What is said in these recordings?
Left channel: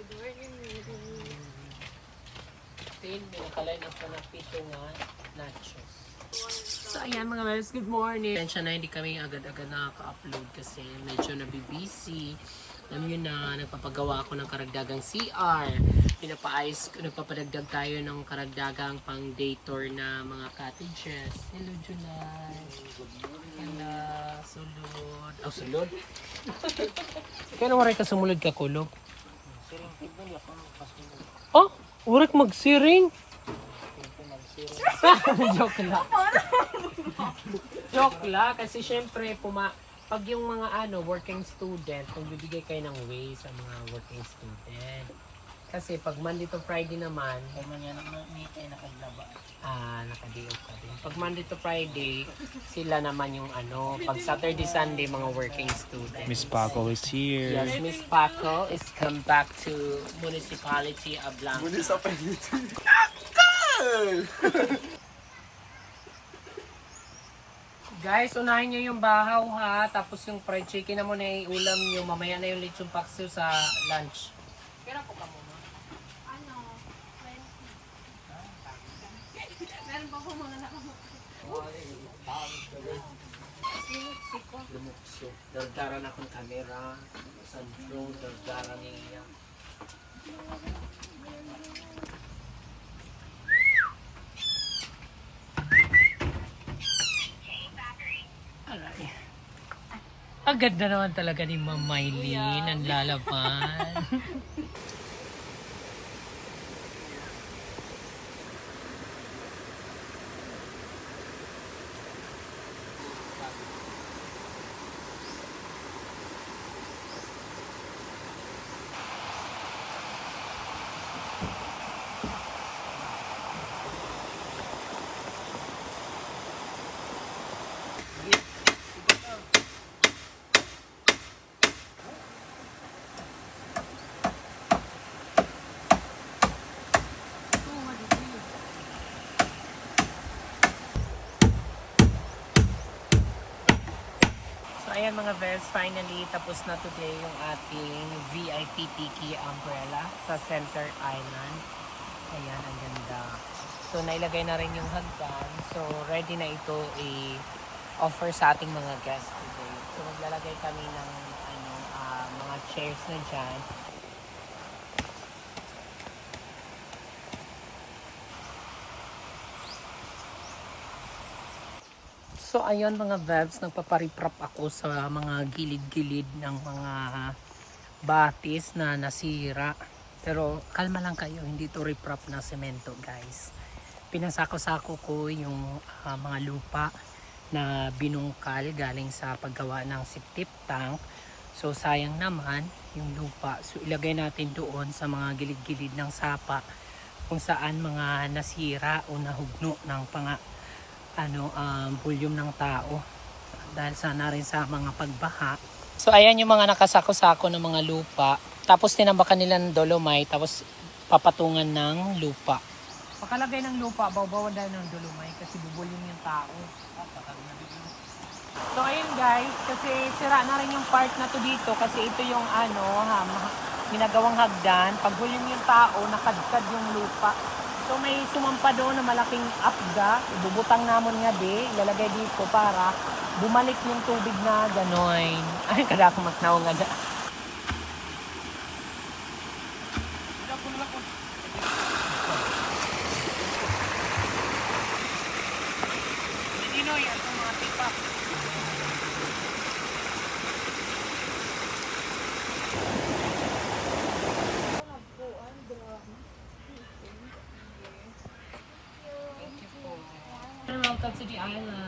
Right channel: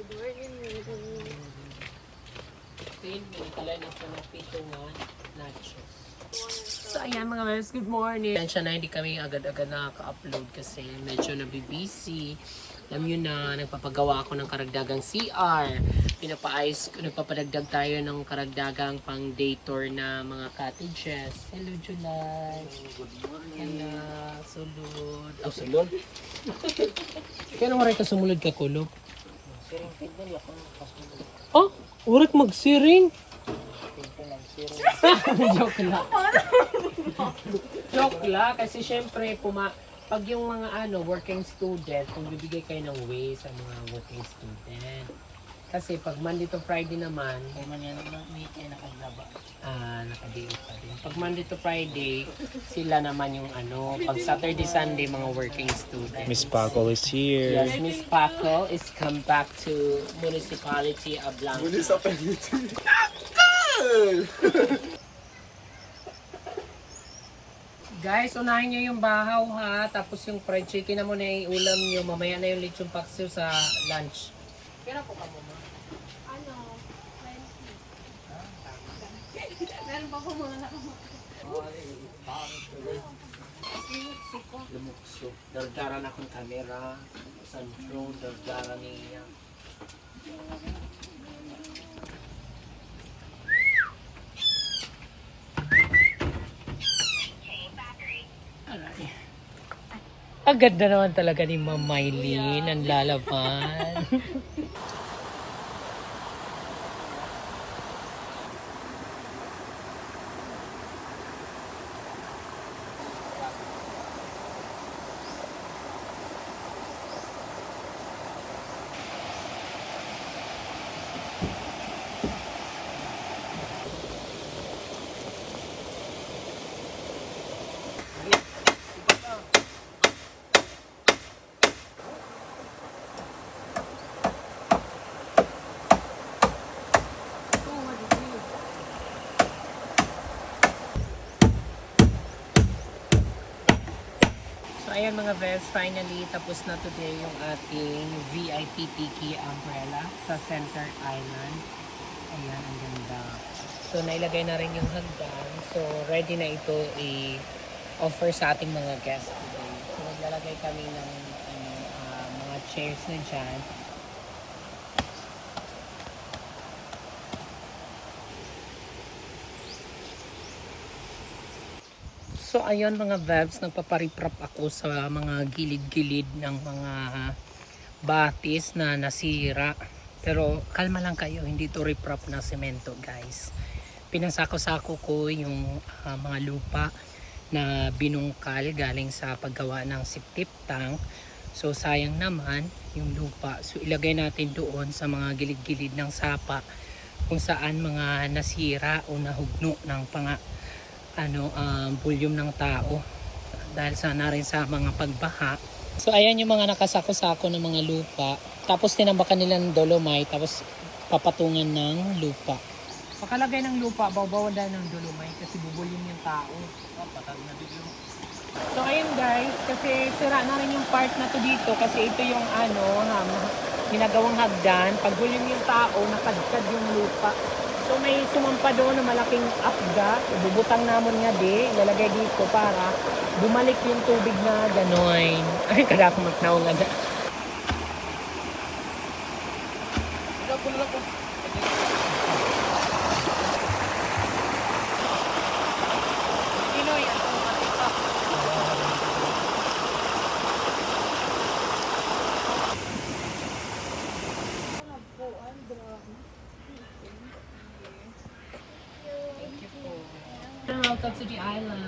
Nakaline up na ng pito nga nachos. So ayan mga guys, good morning. Siya na hindi kami agad-agad nakaka-upload kasi medyo nabibisi. Alam nyo na, nagpapagawa ako ng karagdagang CR. Nagpapadagdag tayo ng karagdagang pang day tour na mga cottages. Hello July. Good morning. Hello, sulod. Oh, sulod? Kaya naman rin ka sumulod ka kulog? Siring tignan ako ng kasulod. Oh, urat magsiring? Joke lang. Joke lang kasi syempre pag yung mga working student, kung bibigay kayo ng way sa mga working student. Kasi pag Monday to Friday naman, ay man yan naman may nakaglaba. Nakadiyo pa din. Pag Monday to Friday, sila naman yung pag Saturday, Sunday, mga working students. Miss Paco is here. Yes, Miss Paco is come back to Municipality of Blanco. Municipality. Guys, unahin nyo yung bahaw ha, tapos yung fried chicken na muna yung ulam nyo, mamaya na yung lechon paksiw sa lunch. Kaya po ka mo ma? Meron pa po mga Lumukso. Dardaran akong camera, sa drone, dardaran niya. Ang ganda naman talaga ni Ma'am Mylene, ang lalaban. So ayan mga best, finally tapos na today yung ating VIP Tiki umbrella sa Center Island. Ayan, ang ganda. So nailagay na rin yung hagdan. So ready na ito i-offer sa ating mga guests today. So maglalagay kami ng mga chairs na dyan. So ayun mga vebs, nagpapariprap ako sa mga gilid-gilid ng mga batis na nasira. Pero kalma lang kayo, hindi to riprap na semento guys. Pinasako-sako ko yung mga lupa na binungkal galing sa paggawa ng septic tank. So sayang naman yung lupa. So ilagay natin doon sa mga gilid-gilid ng sapa kung saan mga nasira o nahugno ng volume ng tao dahil sana rin sa mga pagbaha. So ayan yung mga nakasako-sako ng mga lupa, tapos tinambakan nila ng dolomite, tapos papatungan ng lupa. Pakalagay ng lupa, bawaban dahil ng dolomite kasi bubulin yung tao. So ayun guys, kasi sira na rin yung part na to dito kasi ito yung ginagawang hagdan. Pag bulin yung tao, nakadkad yung lupa. So may sumampa doon na malaking apga, bubutang namon nga ilalagay dito para bumalik yung tubig na gano'n. Ay, kada ako magnaw nga na. Sino yan? Welcome to the island.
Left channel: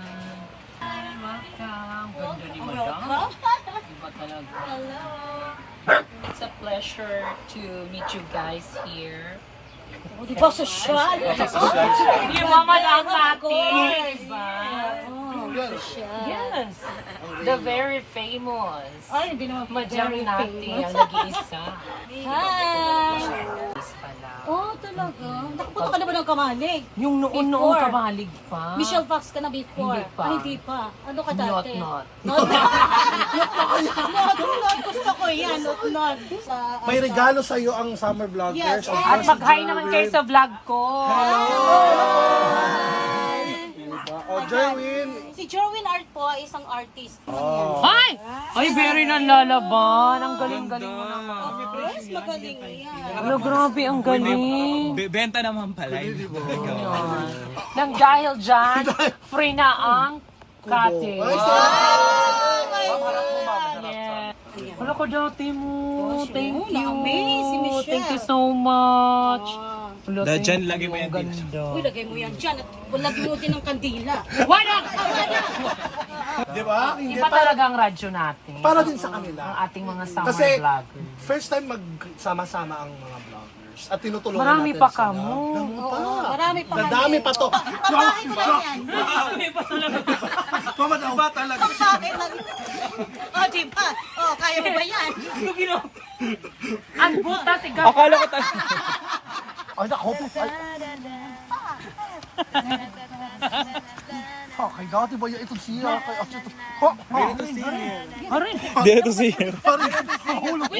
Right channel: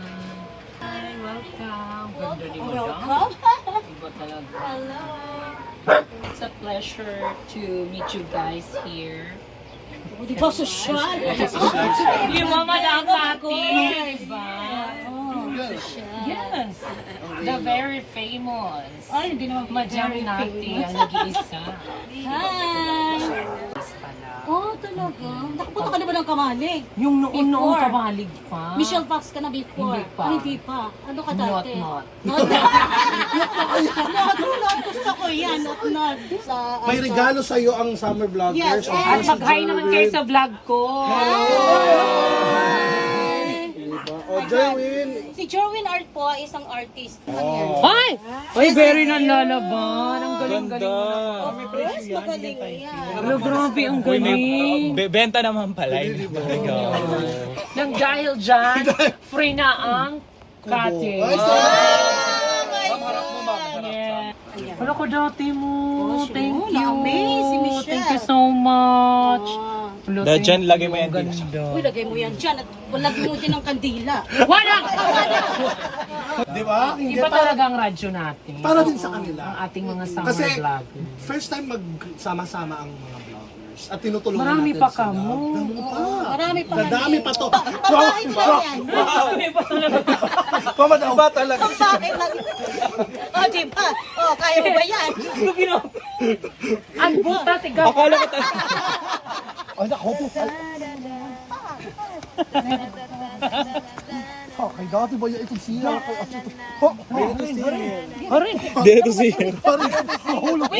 Hi, welcome. Ganda ni Madam. Iba talaga. Hello. It's a pleasure to meet you guys here. Di ba social? Di ba Madam Mati? Diba? Yes. The very famous. Ay, hindi naman Madam very Nati famous. ang nag-iisa. Hi! Yes pala. Oh, talaga? Nakapunta ka na ba ng Kamalig? Yung noon Before. kabalig pa. Michelle Fox ka na before? Hindi pa. Ay, hindi pa. Ano ka Not dati? not. Not. Not. Gusto ko yan. Not. Sa, May regalo sa'yo ang Summer Vloggers. Yes. Of At course, mag-hi si naman Jerwin. kayo sa vlog ko. Diba? O, Jerwin. Si Jerwin Art po ay isang artist. Ay! Ay, very nanlalaban. Ang galing-galing mo naman. Of course, magaling yan. Ano, grabe, ang galing. Benta naman pala yun. Nang dahil dyan, free na ang cottage. Ay, sorry. Yeah. Wala ko dati mo. Thank Oh, you. na-amaze si Michelle. Thank you so much. Ah. Wala, Dahil thank dyan, you. lagay mo yan Ang ganda. Uy, lagay mo yan dyan. At lagay mo dyan ng kandila. Wala! Di ba? Hindi Iba talaga ang radyo natin. Para din sa kanila. Ang ating mga summer Kasi vlogger. first time magsama-sama ang mga vloggers. At tinutulungan Marami natin pa sila. kamo. Dami pa. Marami pa Dadami pa to. Pabahay ko lang yan. Mama daw ba talaga? Pabahay lang. O, diba? O, kaya mo ba yan? Ang buta si Gab. Akala ko talaga. Ay, nako. Kay dati ba yan itong siya? Kay ito. Dito siya. Arin. Dito siya. Mahulog.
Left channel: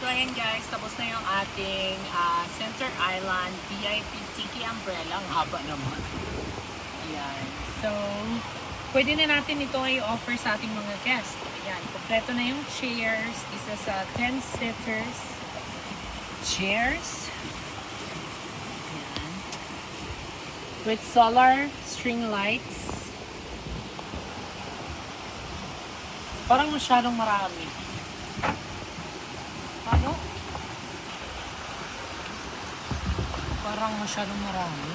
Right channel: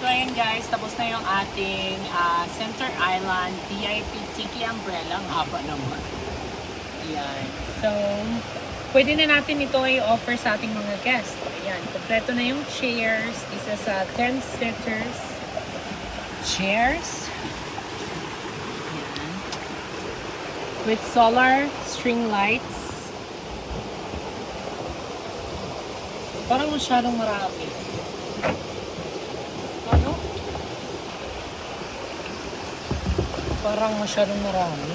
So ayan guys, tapos na yung ating Center Island VIP Tiki Umbrella. Ang haba naman. Ayan. So, pwede na natin ito i-offer sa ating mga guests. Ayan, kompleto na yung chairs. This is 10 seaters. Chairs. Ayan. With solar string lights. Parang masyadong marami. Ano? Parang masyadong marami.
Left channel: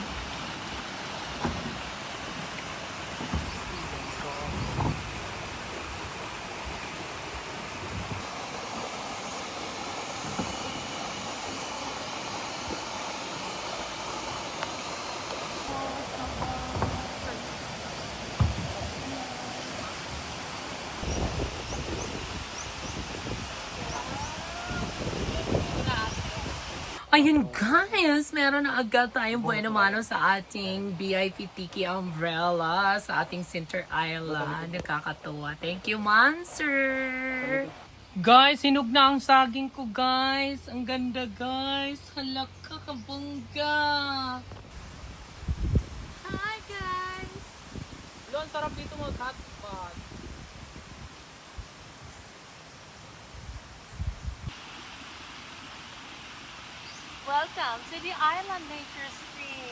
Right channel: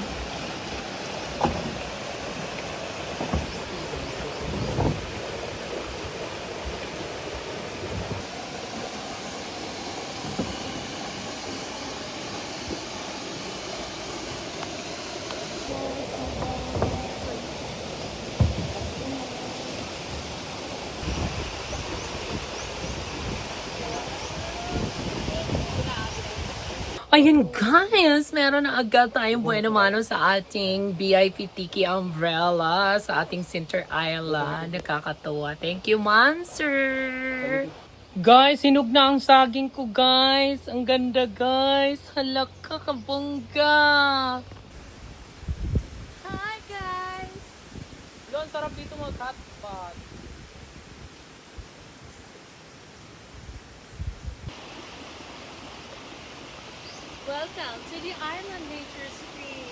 Ayun guys, meron na agad tayong bueno mano sa ating VIP Tiki Umbrella sa ating Center Island. Nakakatuwa. Thank you, Monster! Guys, hinog na ang saging ko, guys. Ang ganda, guys. Halaka, kabongga. Hi, guys! Doon, sarap dito mag-hotpot. Welcome to the Island Nature Stream.